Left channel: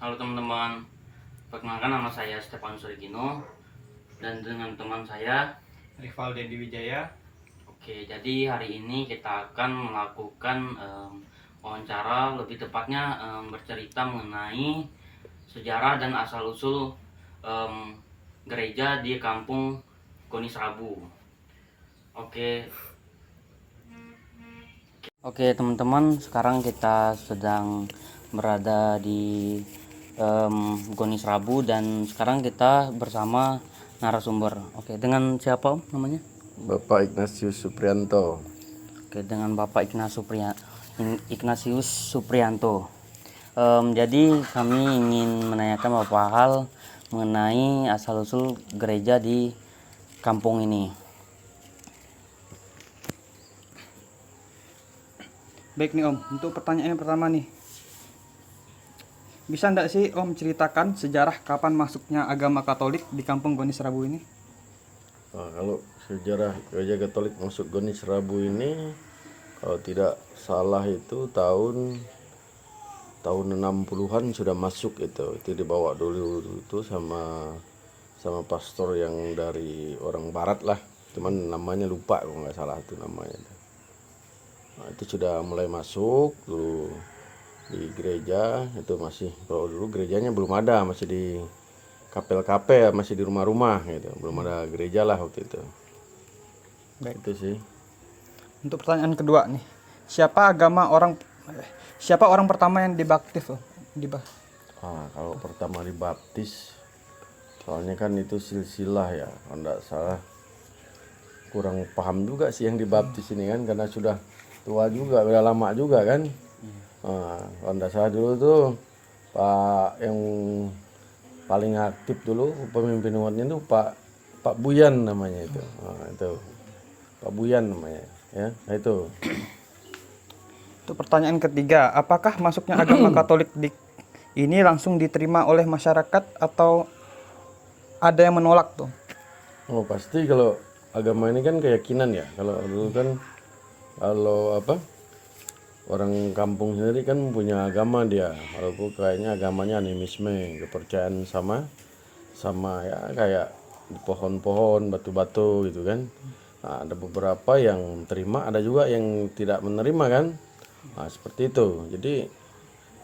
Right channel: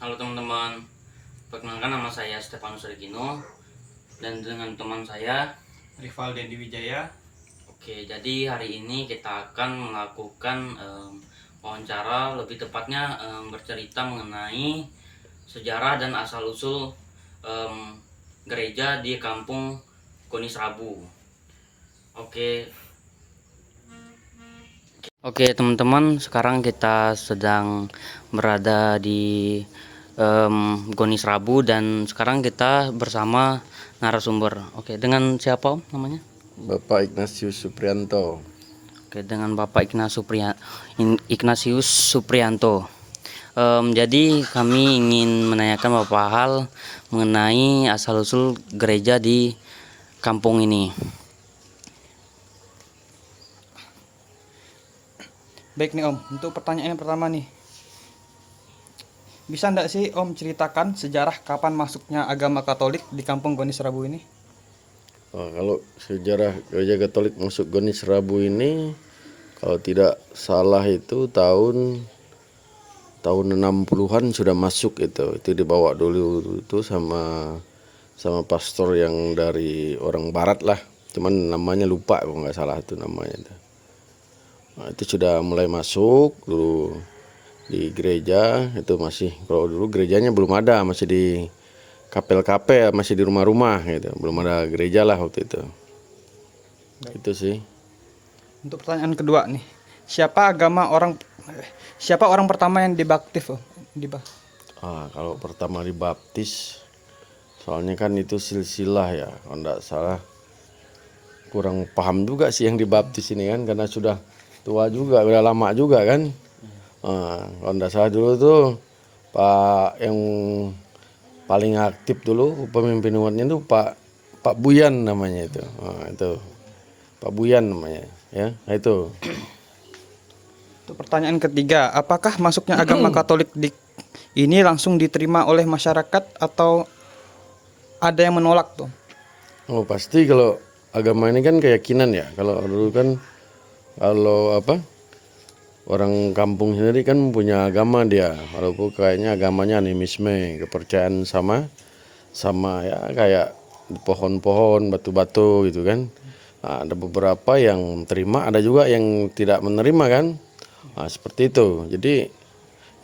Halo teman-teman, perkenalkan nama saya Stefanus Regino dan dengan teman saya Rival Dendi Wijaya. Oke, jadi hari ini kita akan melakukan wawancara, lebih tepatnya bercerita mengenai sejarah dan asal-usul gereja di kampung Gonisrabu. Oke, teman-teman, sekarang kita sedang berada di Gonisrabu dan sekarang kita bersama narasumber. Oke, dengan siapa Om namanya? Bapak Ignatius Suprianto. Oke, dengan Bapak Ignatius Suprianto. Jadi kami ingin menanyakan beberapa hal mengenai asal-usul gereja di kampung ini. Baik nih Om, untuk pertanyaan yang pertama nih, bisa enggak sih Om ceritakan sejarah kapan masuknya agama Katolik di kampung Gonisrabu ini? Kalau sejarah gereja Katolik masuk Gonisrabu ini, kalau tidak salah itu tahun 60-an sudah masuk itu dibawa dulu itu sama pastor yang dari orang barat lah, cuman namanya lupa kalau nggak salah itu namanya itu. Nah, itu sudah mulai masuk dulu di gereja. Itu masih, kalau dulu gerejanya belum ada, masih di kapel-kapel, masih di rumah-rumah gitu, belum ada gereja lah waktu itu. Baik. Itu sih. Untuk pertanyaan kedua nih, siapa orang pertama yang dibaptis Om? Kalau pertama dibaptis, soalnya kan itu silsilah ya, kalau enggak salah kurang paham juga sih yang dibaptis ini kan, karena sudah tua juga, udah lama juga kan. Kalau enggak salah dulu tuh Pak yang paling aktif dulu pemimpin umatnya itu Pak Buyan namanya itu. Itu Pak Buyan namanya ya. Nah, itu. Untuk pertanyaan ketiga, apakah masuknya agama Katolik ini langsung diterima oleh masyarakat atau ada yang menolak tuh? Oh, pasti kalau agama ini kan keyakinan ya. Kalau dulu kan orang kampung sendiri kan punya agama dia. Walaupun kayaknya agamanya animisme, kepercayaan sama ya kayak pohon-pohon, batu-batu gitu kan. Nah, ada beberapa yang terima, ada juga yang tidak menerima kan. Nah, seperti itu. Jadi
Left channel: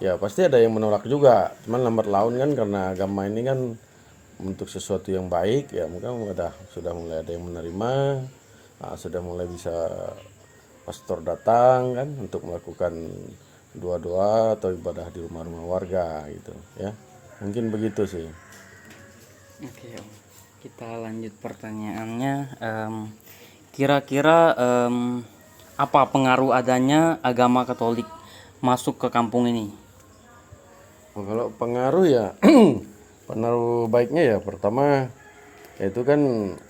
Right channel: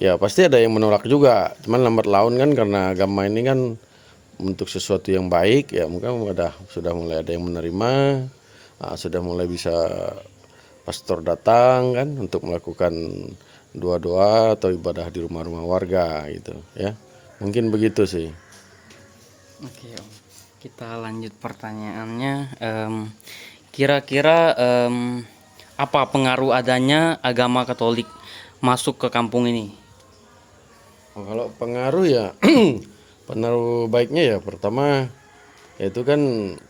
ya pasti ada yang menolak juga. Cuman lambat laun kan, karena agama ini kan untuk sesuatu yang baik ya, mungkin sudah mulai ada yang menerima. Nah, sudah mulai bisa pastor datang kan untuk melakukan doa-doa atau ibadah di rumah-rumah warga gitu ya. Mungkin begitu sih. Oke, Om. Kita lanjut pertanyaannya. Kira-kira apa pengaruh adanya agama Katolik masuk ke kampung ini? Kalau pengaruh ya pengaruh baiknya ya, pertama yaitu kan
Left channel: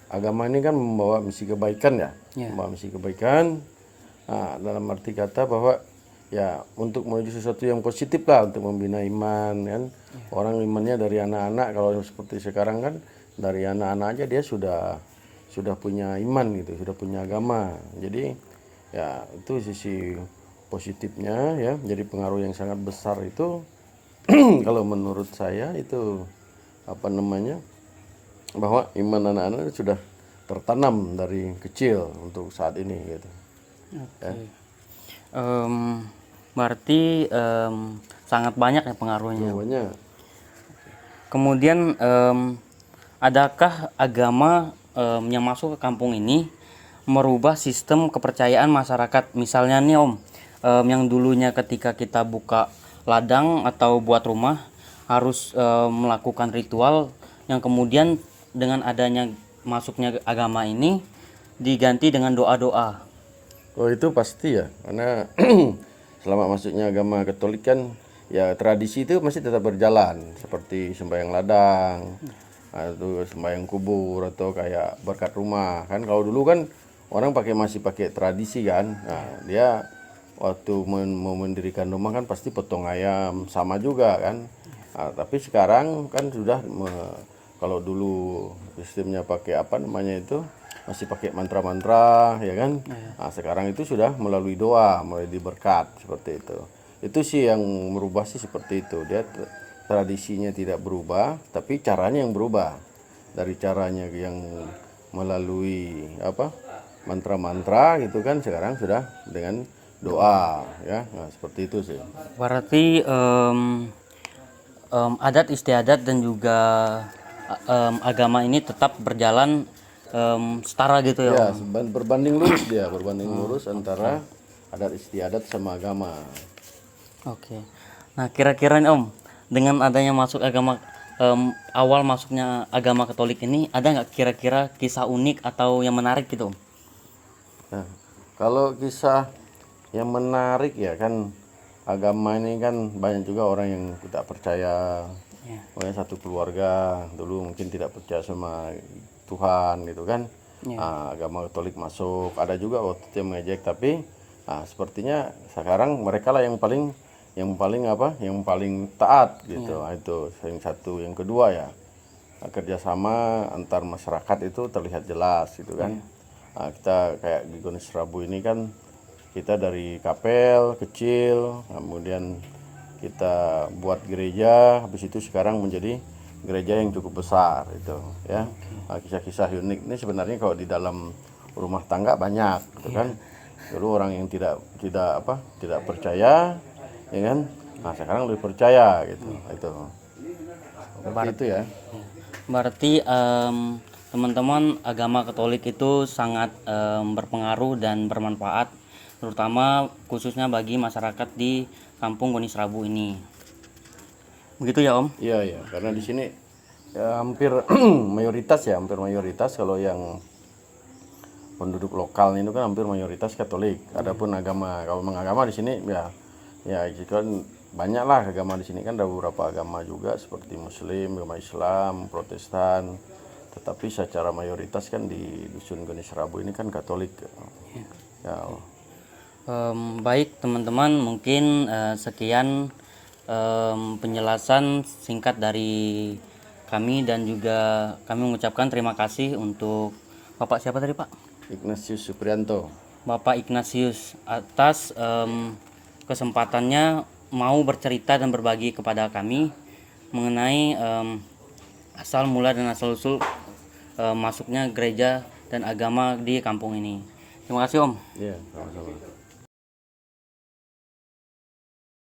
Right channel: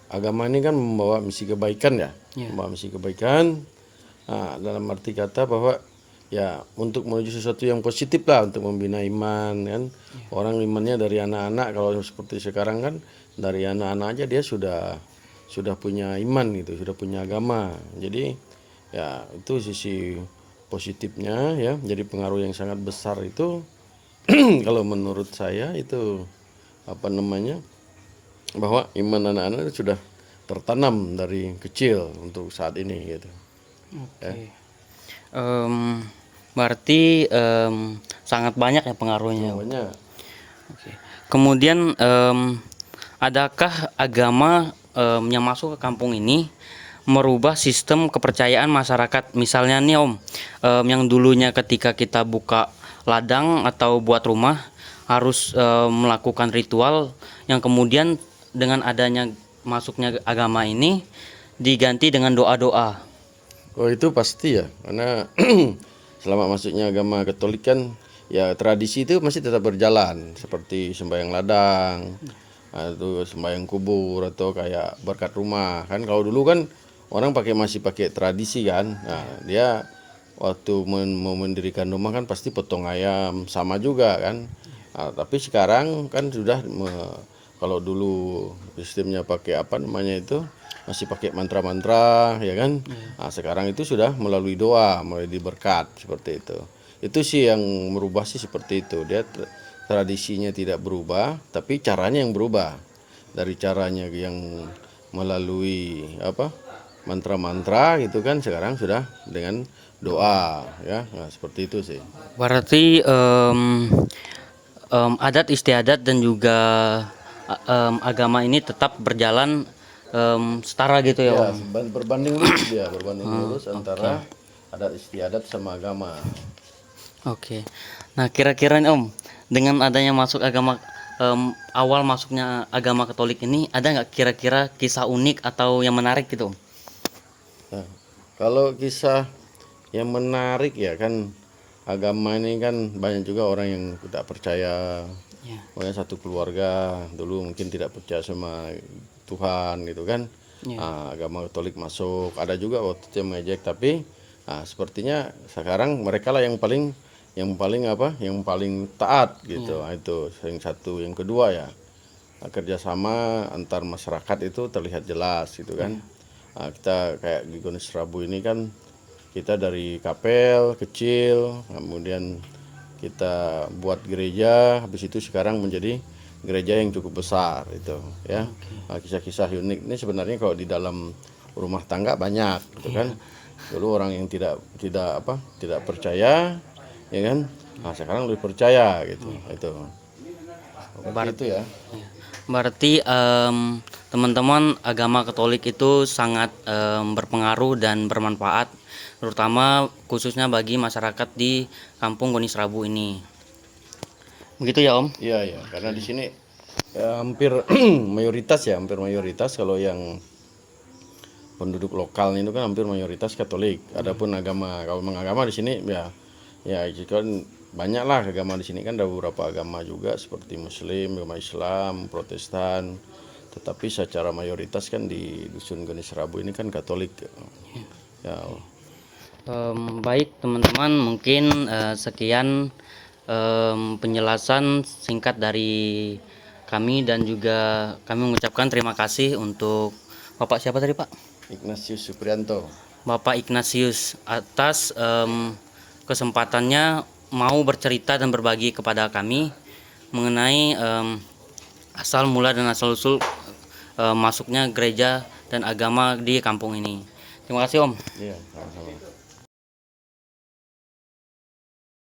agama ini kan membawa misi kebaikan ya, membawa misi kebaikan. Nah, dalam arti kata bahwa ya untuk menuju sesuatu yang positif lah, untuk membina iman kan. Orang imannya dari anak-anak, kalau seperti sekarang kan dari anak-anak aja dia sudah punya iman gitu, sudah punya agama. Jadi ya itu sisi positifnya ya, jadi pengaruh yang sangat besar itu. Kalau menurut saya itu bahwa iman anak-anak sudah tertanam dari kecil untuk saat ini gitu. Oke. Berarti sangat banyak ya pengaruhnya. Banyak. Kemudian adakah agama yang masuk ke kampung ini merubah sistem kepercayaan masyarakat? Misalnya nih Om, yang dulunya ketika kita buka ladang atau buat rumah harus melakukan ritual, yang kemudian dengan adanya masuknya agama ini diganti dengan doa-doa. Oh, itu pasti ya, karena selama masuknya agama Katolik kan ya tradisi itu masih tetap berjalan, seperti sembahyang ladang atau sembahyang kubur atau kayak berkat rumah kan. Kalau dulu kan orang masih pakai tradisi kan. Nah, dia waktu mau mendirikan rumah kan pasti potong ayam sama juga kan. Nah, tapi sekarang kan sudah kalau dulu sistemnya pakai apa namanya itu, masih pakai mantra-mantra ya kan. Nah, sekarang itu sudah melalui doa, melalui berkat seperti itu. Itu sih yang merubah sih seperti itu. Dia tradisinya tidak berubah, tapi caranya yang berubah. Dari caranya yang melalui apa mantra-mantra gitu kan, sekarang sudah dengan doa ya. Nah, seperti itu sih. Berarti adat istiadat dan juga agama ini tetap berjalan setara gitu ya, Ya, Om? berbanding lurus dia, berbanding lurus antara adat istiadat sama agama. Oke. Nah, kira-kira nih, Om, dengan adanya masuk agama awal masuknya agama Katolik ini, ada nggak kira-kira kisah unik atau yang menarik gitu, Om? Nah, kalau kisah yang menarik ya kan, agama ini kan banyak juga orang yang tidak percaya. Iya. Pokoknya satu keluarga dulu mungkin tidak percaya sama Tuhan gitu kan. Iya. Agama Katolik masuk, ada juga waktu itu yang mengejek, tapi sepertinya sekarang mereka lah yang paling yang paling taat gitu. Nah, itu yang satu. Yang kedua ya, kerjasama antar masyarakat itu terlihat jelas gitu kan. Nah, kita kayak di Gunung Serabu ini kan, kita dari kapel kecil, kemudian kita buat gereja, habis itu sekarang menjadi gereja yang cukup besar itu ya. Nah, kisah-kisah unik ini sebenarnya kalau di dalam rumah tangga banyak gitu kan. Dulu orang yang tidak percaya ya kan. Nah, sekarang lebih percaya gitu. Itu. Seperti itu ya. Berarti teman-teman, agama Katolik itu sangat berpengaruh dan bermanfaat, terutama khususnya bagi masyarakat di Kampung Goni Serabu ini. Begitu ya, Om? Iya, iya, karena di sini ya, hampir hampir mayoritas kalau yang penduduk lokal itu kan hampir mayoritas Katolik. Adapun agama, kalau mengagama di sini ya kan banyak lah agama di sini kan, ada beberapa agama juga seperti Muslim, agama Islam, Protestan. Tetapi secara mayoritas kan di dusun Goni Serabu ini kan Katolik. Ya, Baik teman-teman, mungkin sekian penjelasan singkat dari kami, dan juga kami mengucapkan terima kasih untuk Bapak siapa tadi, Pak? Ignatius Suprianto. Bapak Ignatius atas kesempatannya mau bercerita dan berbagi kepada kami mengenai asal mula dan asal usul masuknya gereja dan agama di kampung ini. Terima kasih, Om. Iya, sama-sama.